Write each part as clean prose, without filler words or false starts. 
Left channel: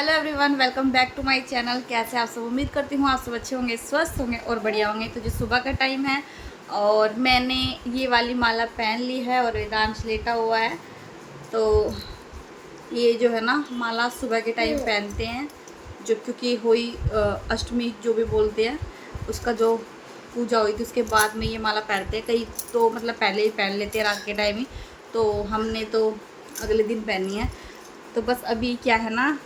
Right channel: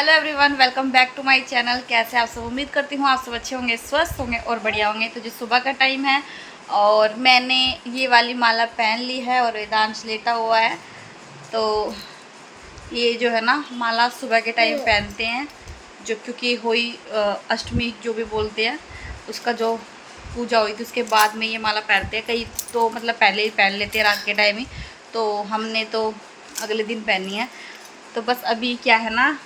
Hello everyone, welcome back to my channel. कैसे आप सब? उम्मीद करती हूँ आप सब अच्छे होंगे, स्वस्थ होंगे और बढ़िया होंगे। तो जो सुबह का टाइम है और मैंने ये वाली माला पहन ली है और वेदांश लेटा हुआ है। तो ये जो है ना माला सुबह के टाइम पहनते हैं, जो क्योंकि हुई अष्टमी जो भी बोलते हैं, उसका जो पूजा हुई थी उसके बाद में ये माला पहनते हैं। कई तो मतलब पहले ही पहन लेते हैं रात के टाइम ही, तो हमने तो अगले दिन पहनी है। तो बस अभी क्या है ना,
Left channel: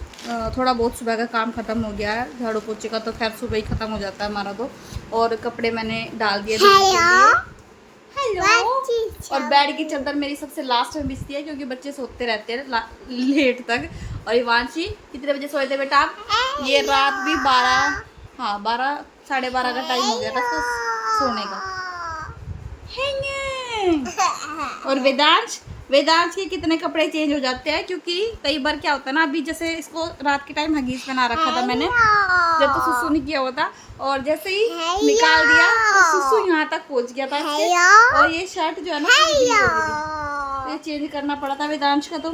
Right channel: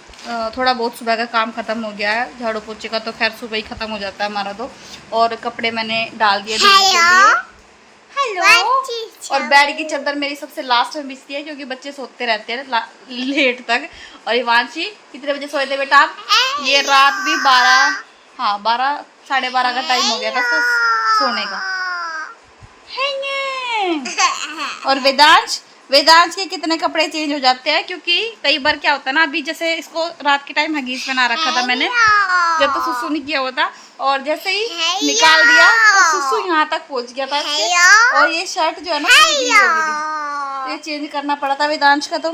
थोड़ा बहुत सुबह का काम ख़त्म हो गया है। झाड़ू पोछे का तो खैर सुबह ही ख़त्म हो जाता है हमारा तो। और कपड़े मैंने डाल दिए धोने के लिए। हेलो। और बेड की चादर मेरी सबसे लास्ट में बिछती है क्योंकि बच्चे सोते रहते हैं लेट तक। और इवांशी कितने बजे सोए थे बेटा आप? ये रात भी 12, हाँ 12 साढ़े 12 का टाइम हो गया था सोने का। और वेदांश के कितने कपड़े चेंज हो जाते हैं क्योंकि कई बार क्या होता है ना, अभी जैसे इसको रात के टाइम हगीज पहना रखा था मैंने, जब तो सुसु नहीं किया हुआ था, और जैसे ही निकाल दिया तो सुसु यहाँ तक पहुँच गया था इसके। और ये शर्ट जो है ना तो ये चेंज करना पड़ा था वेदांश का। तो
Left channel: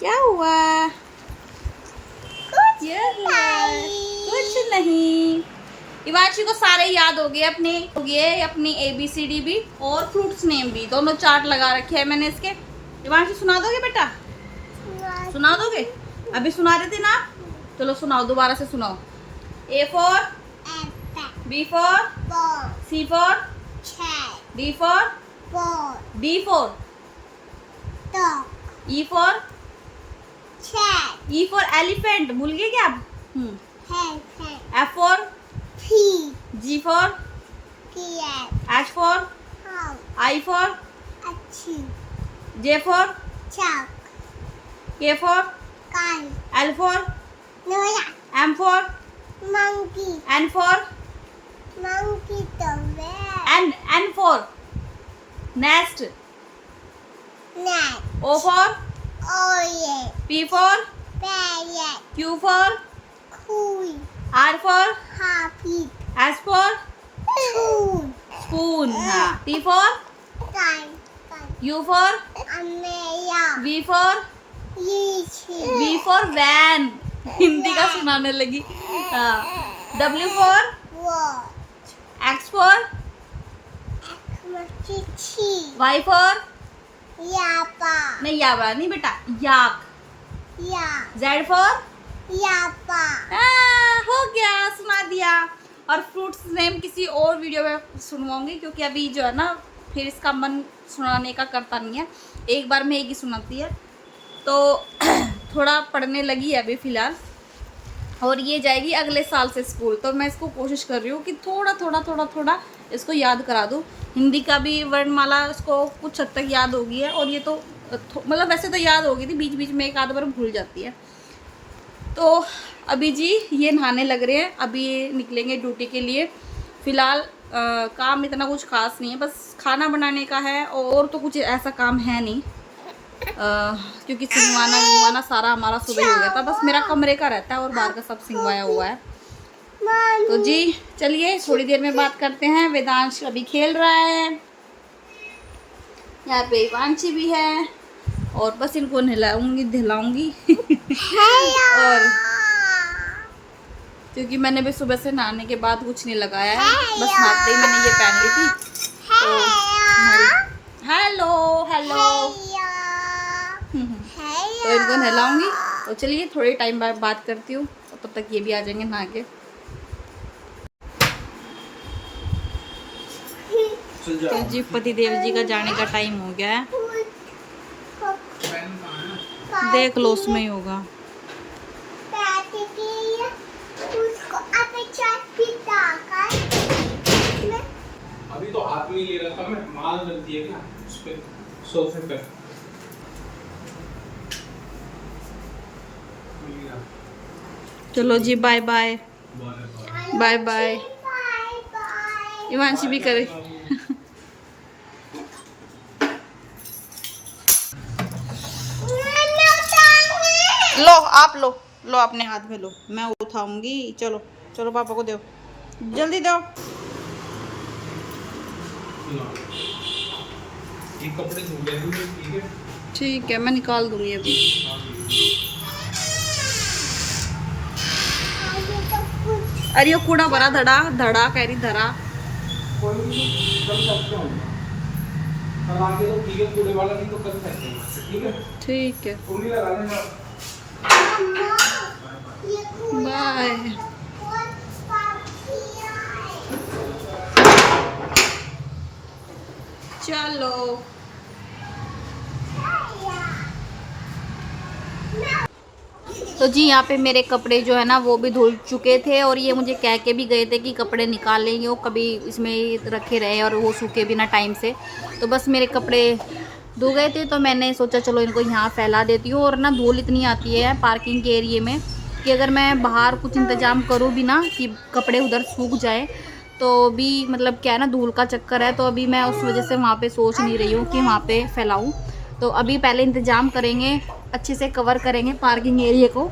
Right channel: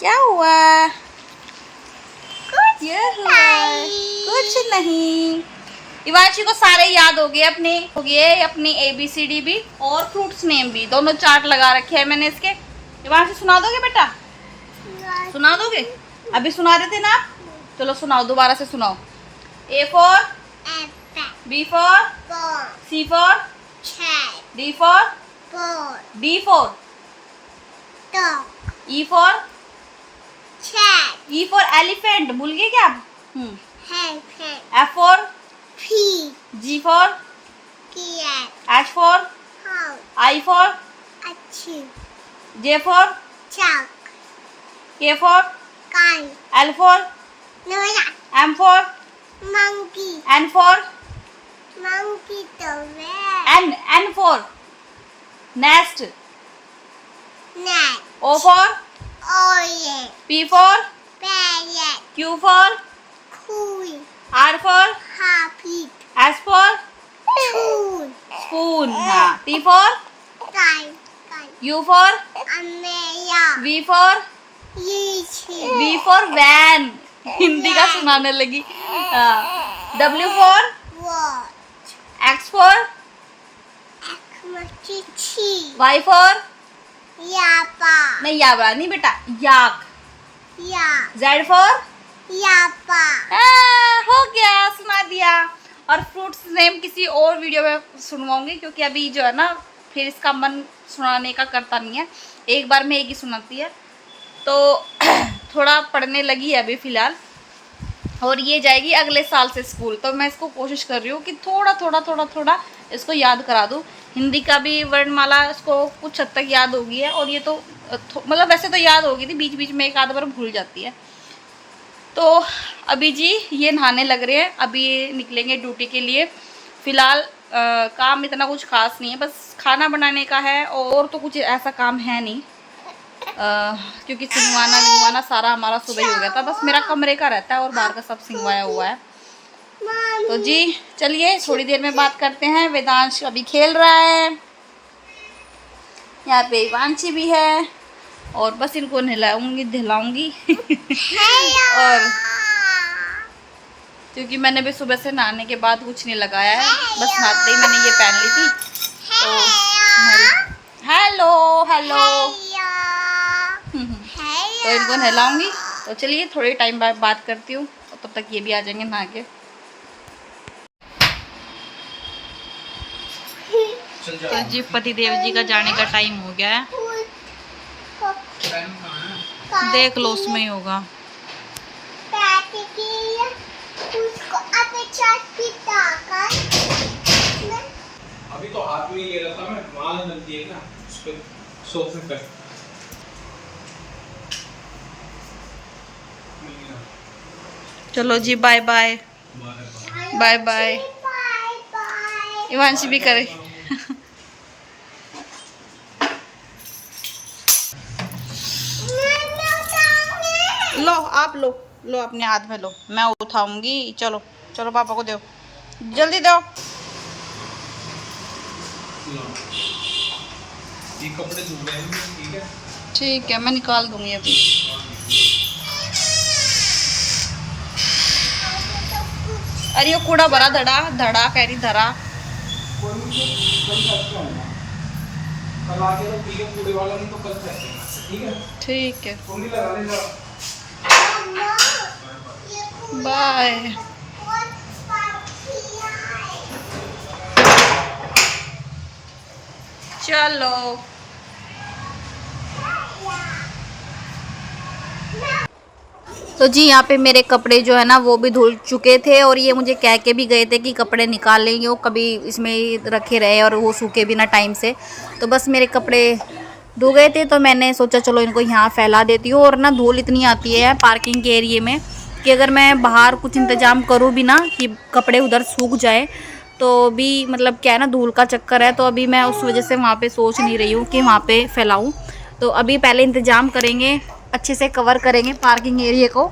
क्या हुआ? कुछ नहीं। इवांशी को सारे याद हो गए अपनी ABCD भी और फ्रूट्स नेम भी, दोनों चार्ट लगा रखे हैं मैंने इसके। इवांशी सुना दोगे बेटा? सुना दोगे? अभी सुना रहे थे ना आप? चलो सुनाओ, दोबारा से सुनाओ। A for B for C for D for D for E for E for elephant, भूल गए क्या आप? F for G for H for I for J for K for L for M for N for N for nest, O for P for Q for R for S for spoon, हाँ T for U for V for van, Hindi का सुनाने लगी। W for X for Y for नहीं याबा नहीं बेटा, याक। Z for हो गया, सुना दिया। और फ्रूट्स नेम किसी और वीडियो में सुनवाऊंगी क्योंकि अभी जो है ना फिर इसका मन सुनाने का करता नहीं है, एक बार में एक ही सुनाती है। तो थोड़ा पढ़ने लगी है अभी फ़िलहाल, और ये जाएगी अगले साल से स्कूल। तो मैं इसको कोशिश कर रही हूँ कि थोड़ा इसको याद करा दूँ। हिंदी का भी वर्णमाला इसको कुछ हद तक याद होगी है, और ये तो मतलब वैसे तो याद होगी थी, बीच बीच में एक आध बार भूल जाती है। तो अभी जी ये नहाने लग रहे हैं, अभी ये निकलेंगे ड्यूटी के लिए। फ़िलहाल काम इतना कुछ खास नहीं है, बस खाना बनाने का है और तो कुछ ऐसा काम है नहीं, क्योंकि सिंगवाना सारा हमारा सुबह ही हो गया था। बस मेरा कमरे का रहता है और बाहर का सब सिंगवाया हुआ है। तो जी चलिए थोड़ी देर में बात करते हैं। वेदांश अभी खेल रहा है, यहाँ पे इवांशी भी है, और बस इनको नहलाऊंगी और क्योंकि मैंने भी सुबह से नहाने के बाद कुछ नहीं लगाया है, बस नहाते ही मैंने ये पहन ली थी। तो हेलो तो इनको नहलाऊंगी। तो चलिए थोड़ी टाइम बाद बात करती हूँ, तो तब तक ये भी आ जाएंगे नहा के। तो जी पतिदेव जी का जाने का टाइम हो गया है, देख लो उसमें ही होगा। अभी तो हाथ में ये रखा, मैं माल बनती है क्या उस पे 100 रुपए। चलो जी bye bye. Bye bye. Ivanshi भी करे। लो आप लो अपने हाथ में लो, मैं उठाऊंगी। चलो चलो पापा को दो, जल्दी दो। ये कपड़े धुल गए हैं, ठीक है? ठीक है, मैं निकाल दूंगी अभी। अरे ये कूड़ा भरा धड़ा धड़ा कह रही धरा। कोई नहीं, कल फेंकते होंगे, कल आके तो ठीक है, कूड़े वाला नहीं तो कल फेंकेंगे, ठीक है। ठीक है, तुम भी लगा लेना। बाय। चलो तो जी यहाँ पे मेरे कपड़े जो है ना वो भी धुल चुके थे, और ये मुझे कह के भी गए थे कि कपड़े निकाल लेंगे, वो कभी इसमें रखे रहे और वो सूखे भी ना टाइम से। तो बस मेरे कपड़े धो गए थे, तो मैंने सोचा चलो इनको यहाँ फैला देती हूँ। और ना धूल इतनी आती है पार्किंग के एरिए में कि अगर मैं बाहर कुछ इंतज़ाम करूँ भी ना कि कपड़े उधर सूख जाए, तो भी मतलब क्या है ना, धूल का चक्कर है। तो अभी मैं उस वजह से वहाँ पे सोच नहीं रही हूँ कि वहाँ पे फैलाऊँ। तो अभी पहले इंतज़ाम करेंगे, अच्छे से कवर करेंगे पार्किंग एरिया को,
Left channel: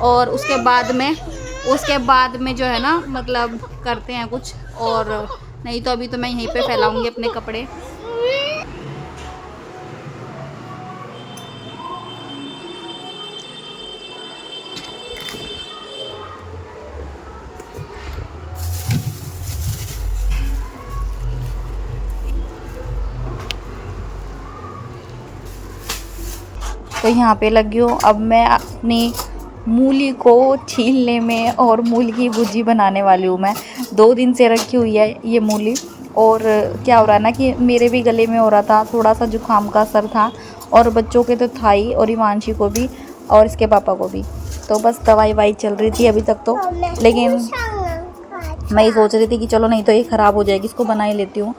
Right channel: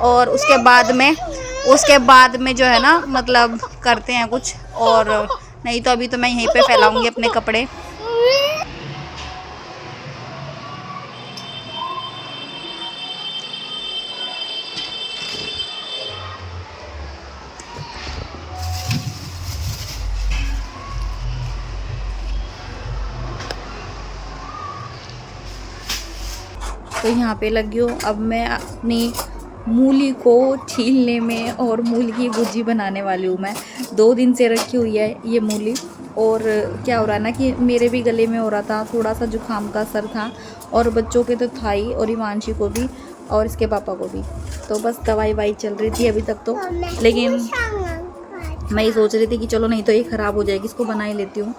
और उसके बाद में जो है ना मतलब करते हैं कुछ। और नहीं तो अभी तो मैं यहीं पे फैलाऊंगी अपने कपड़े। तो यहाँ पे लगी हूँ, अब मैं अपनी मूली को छीलने में और मूली की भुजी बनाने वाली हूँ। मैं 2 दिन से रखी हुई है ये मूली। और क्या हो रहा है ना कि मेरे भी गले में हो रहा था, थोड़ा सा जुकाम का असर था, और बच्चों के तो था ही, और हिमांशी को भी और इसके पापा को भी। तो बस दवाई वाई चल रही थी अभी तक तो, लेकिन मैं ये सोच रही थी कि चलो नहीं तो ये ख़राब हो जाएगी, इसको बना ही लेती हूँ।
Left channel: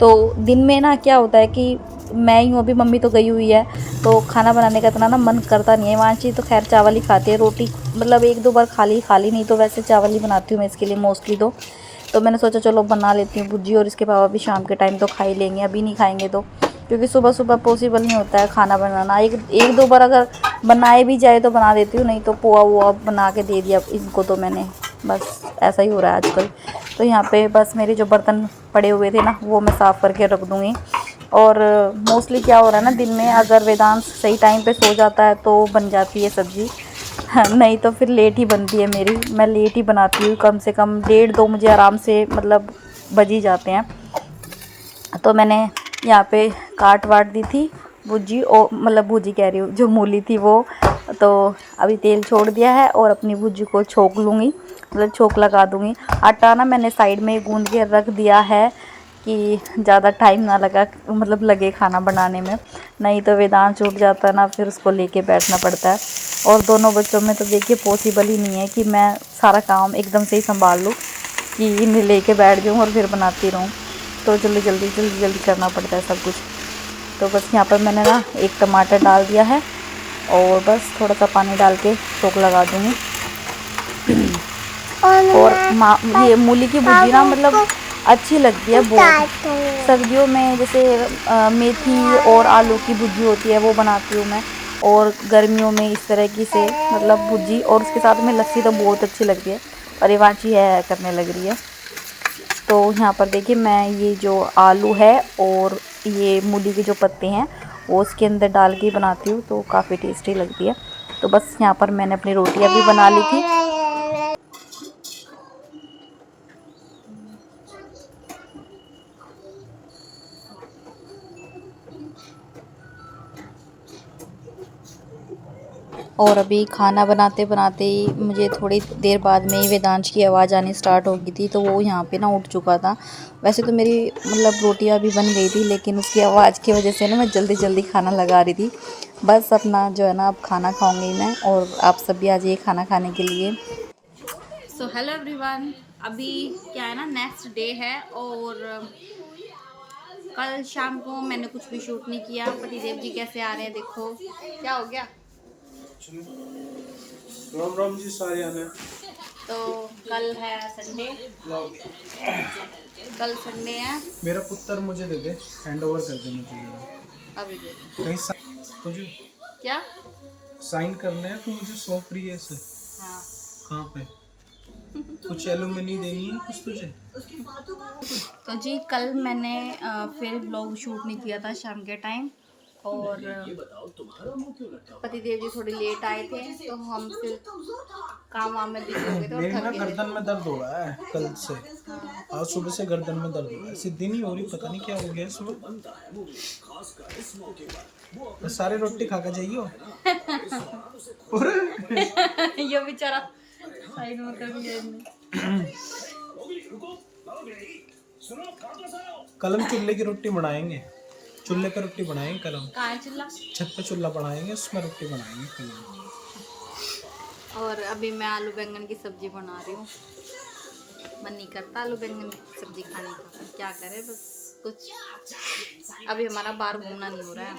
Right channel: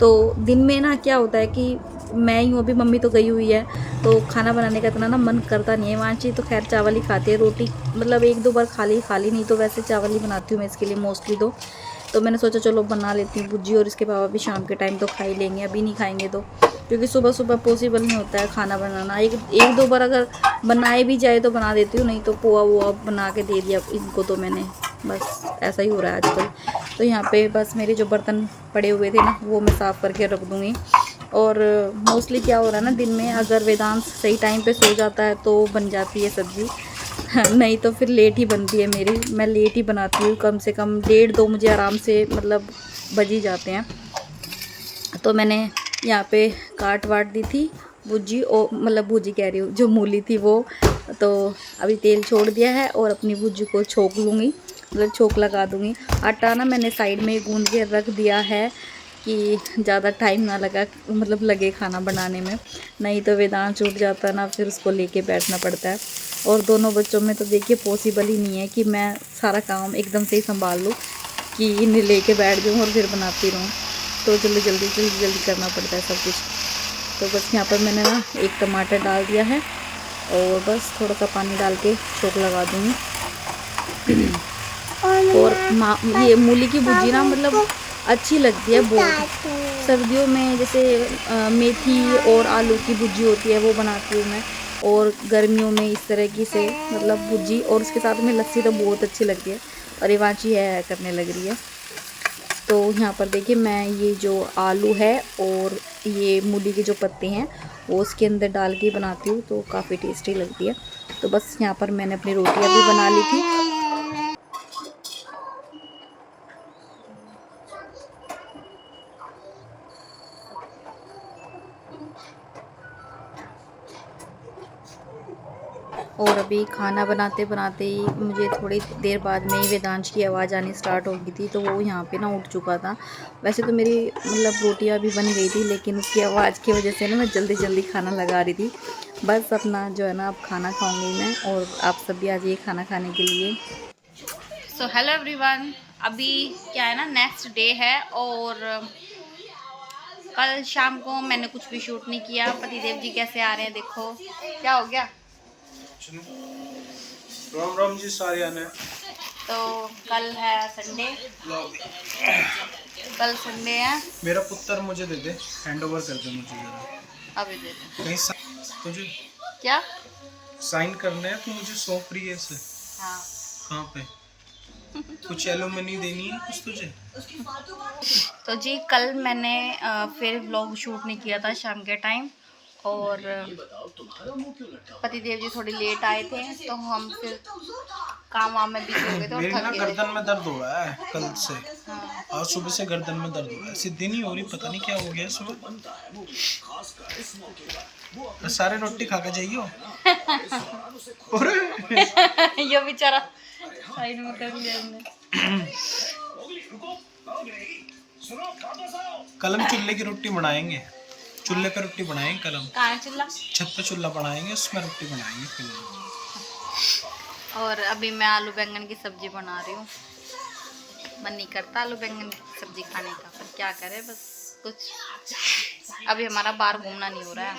तो दिन में ना क्या होता है कि मैं यूँ, अभी मम्मी तो गई हुई है तो खाना बनाने का इतना ना मन करता नहीं है। वांची तो खैर चावल ही खाती है, रोटी मतलब 1-2 बार खा ली, नहीं तो वैसे चावल ही बनाती हूँ मैं इसके लिए मोस्टली। तो मैंने सोचा चलो बना लेती हूँ भुजी, और इसके पापा भी शाम के टाइम तो खा ही लेंगे, अभी नहीं खाएंगे तो, क्योंकि सुबह सुबह पॉसिबल नहीं होता है खाना बनाना। 1-2 बार अगर बनाए भी जाए तो बना देती हूँ, नहीं तो पोहा वोहा बना के दे दिया इनको तो मैंने। बस ऐसा ही हो रहा है आजकल। तो यहाँ पे बस मेरे जो बर्तन पड़े हुए थे ना वो मैं साफ़ करके रख दूँगी। और मोस्टली क्या हो रहा है ना, दिन में अगर वेदांत सही टाइम पे सो जाता है तो बन जाती है सब्ज़ी, नहीं तो फिर लेट ही बनती है मेरी। मैं लेट ही बनाती हूँ, कम से कम 1:30-2 मुझे आराम से मतलब बज ही जाते हैं। तो मैंने यहाँ पे काट वाट दी थी भुजी, और मतलब भुजी कह रही हूँ, जो मूली थी वो। तो अभी तेल छोड़ दिया है और अपनी भुजी को छोंक लूँगी, मतलब छोंक लगा दूँगी। आटा ना मैंने साइड में गूंद के रख दिया है कि ज़्यादा टाइम ना लगे खाना बनाने में, नहीं तो वेदांत छूट जाता है ना, फिर उसको लेके बैठना पड़ता है। और दोनों बच्चों में तो देखिए पॉसिबल ही नहीं है कि मैं सारा काम एकदम से ही संभाल लूँ, कि इन्हें लेके बैठ जाऊँ और फिर बनाती रहूँ। तो जल्दी करना पड़ता है सब कुछ। तो बस यहाँ पर मैंने ना 1 टमाटर डाल दिया है, और बस थोड़ा सा पानी डाल के छोंक लगा दूँगी। और ये मूली की भुजी ना मतलब अच्छी लगती है बहुत। सर्दियों में जैसे मेथी और आलू की भुजी होती है वो बनाती हूँ मैं, और गर्मियों में इस तरह की से मतलब भुजी, और उसके साथ में लस्सी तो बहुत अच्छी लगती है। और ये वांची है करने लग रही है। तो यहाँ पर देखिए मैं ये जो आलू है और ये मूली के जो पत्ते हैं वो उसके अंदर डाल के बनाती हूँ, तो काफ़ी टेस्टी लगती है। तो बस यहाँ पर मैंने अपनी रोटियाँ भी बना ली थी। और अभी खाना बनाते बनाते ही मुझे थोड़ी देर बाद में ही वेदांश की आवाज़ आनी स्टार्ट हो गई थी, तो वो यहाँ पे ना उठ चुका था। वैसे तो मेरी मतलब रोटियाँ भी बन गई थी, लेकिन उसकी आवाज़ की वजह से ना मैं जल्दी खाना लगा रही थी। बस अपना जो है ना अब खाना खाऊंगी मैं, और आप सब भी आ जाइए खाना खाने के लिए। सो हेलो एवरीवन, अभी क्या है ना नेक्स्ट डे है, और कल शाम को मैंने कुछ भी शूट नहीं किया। पतिदेव जी कैसे आ रहे हैं, देखो क्या हो गया। राम राम जी सारे आने। तो कल है संडे, कल संडे है। मेरा पुत्र मुझे दे दे, हैंड ओवर कर दे मुझे जरा। अभी दे दे। नहीं तुझे क्या साइन करना है, तो मुझे सौंप रही है इसे। हाँ। कहाँ पे? कुछ एलुमनी देनी है कुछ तुझे? तो जी कल मैंने फिर व्लॉग शूट नहीं किया था शाम के टाइम, और पतिदेव जी थोड़ी लेट आए थे तो हम फिर काम वाम में बिजी हो गए थे और मेरी थक ना गए गर्दन में दर्द हो रहा है कल से। हाँ। आज सुबह से गर्दन में दर्द हो रहा है, सीधी नहीं हो रही, पता नहीं क्या हो गया सुबह। तो सारे रोटी खा के जाइयो। ये बेचारा साइड में कर लिया इसने। कल हम चूल्हे की रोटी बनाएंगे, चूल्हे पे रोटी बनाएंगे कल हम। कहाँ है चूल्हा? छत पे चूल्हा बनाएंगे, उसमें रोटी बनाएंगे कल। और अभी मैं आलू बैंगन की सब्जी बना रही हूँ। मन नहीं करता आलू बैंगन की सब्जी खाने का, पर क्या करें, बस कुछ अभी हमारा बाहर घूमना नहीं हो रहा है।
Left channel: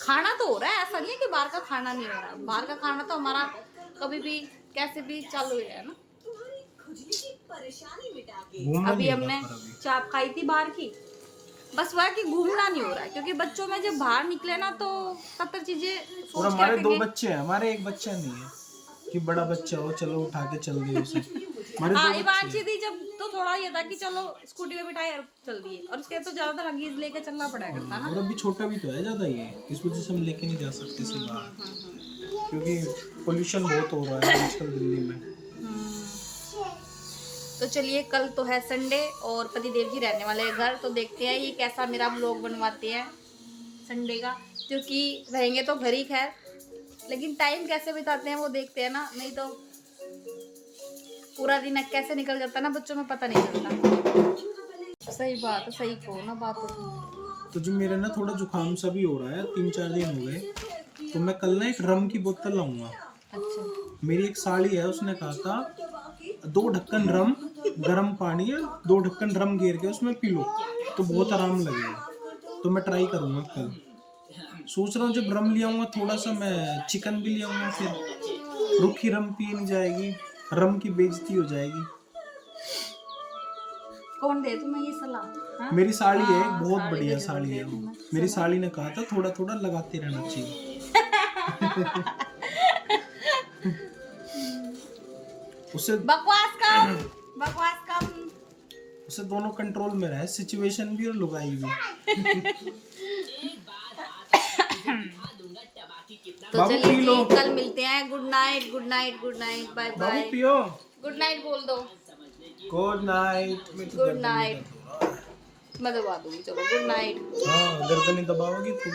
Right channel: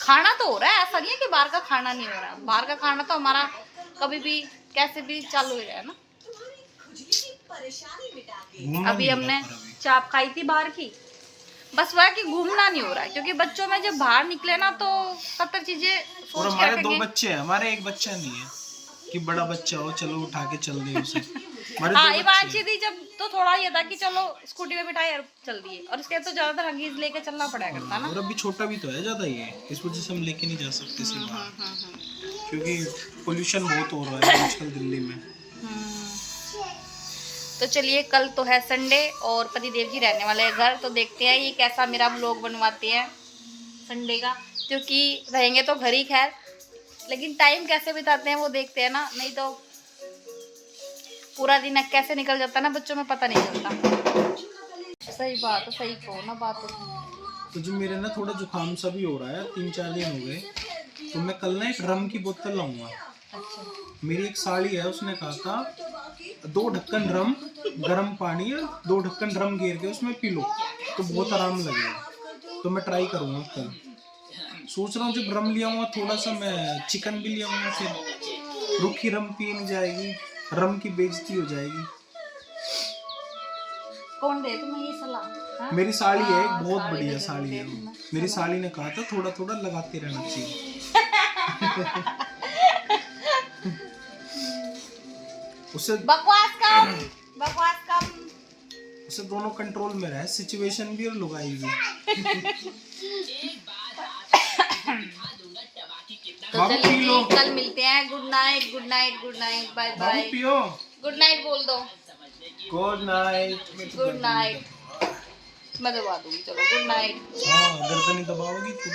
खाना तो हो रहा है, ऐसा नहीं है कि बाहर का खाना नहीं हो रहा है। बाहर का खाना तो हमारा कभी भी कैसे भी चालू हो जाए ना। अभी हमने चाप खाई थी बाहर की, बस वह कि घूमना नहीं हो रहा है, क्योंकि बच्चों में जब बाहर निकले ना तो 70 चीजें और सोच के हमारे 2 रखेंगे। बच्चे हैं, हमारे एक बच्चा नहीं है कि बड़ा बच्चा हो चलो उठा के चल दिए उसे। हमारे 2 हाँ, बच्चे इवांशी हैं। थी जब तो थोड़ा ये था कि चलो स्कूटी में बिठाई और चल दिए, और उसके तो ज्यादातर हगीज लेके चलना पड़ा करता ना। और अभी छोटा भी तो है ज्यादा, ये इस वजह से हम लेके नहीं जा सकते इसे बाहर, क्योंकि पोल्यूशन बहुत हो रहा है आजकल दिल्ली में। तो चलिए, कल तो है संडे और पति देव जी रहने वाले हैं घर, तो देखते हैं ये कैसा मेरा व्लॉग बनवाते हैं संडे का, क्योंकि रहेंगे तो घर ही खैर, लेकिन टाइम कैसे बिताते हैं वो देखते हैं ना, नहीं तो पूरा दिन कैसे निकल जाता है ना बच्चों में पता नहीं चलता। सही बात है, सही कहो ना बात हो। तो जो मेरे ना थोड़ा जुकाम सा भी हो रहा है, 3-4 दिन हो गए, तो मैं कल ना एक रम की बोतल लाऊंगा। अच्छा, मेरी एक साड़ी है, उसने कहा था 2 ढक्कन रम, गर्म पानी और 2 ढक्कन रम गेर के उसमें पी लो तो बहुत आराम लगेगा। तो मैं ट्राई करूंगा कल। सोच रहा हूँ जब रम लिया हुआ थोड़ा सा मैं चिकन भी लिया हुआ, फिर रूखी रम पी नहीं जाएगी, रम की बेइज्जती हो जाएगी। कौन दे तुम्हें ये सलाह? हाँ? मेरी साड़ी है, एक बहुत साड़ी बढ़िया तो जरूर साड़ी दे है वो। तुम्हें। मेरी साड़ी ने कहा था थोड़ा थोड़ा लगाते रहना चाहिए। उसे बकवास कम, बकवास कम। उसे दोनों कंट्रोल में रहे, सिचुएशन भी और लुगाई भी। तो चलिए जी, कल मिलते हैं। Good night, good night, good night, bye बाबू बाय। पियो। गुड नाइट बोल दो। Good night. Good night. मैं दबा दूंगी, चलो गुड नाइट। हाँ, गर्दन ही दबाओगी तू।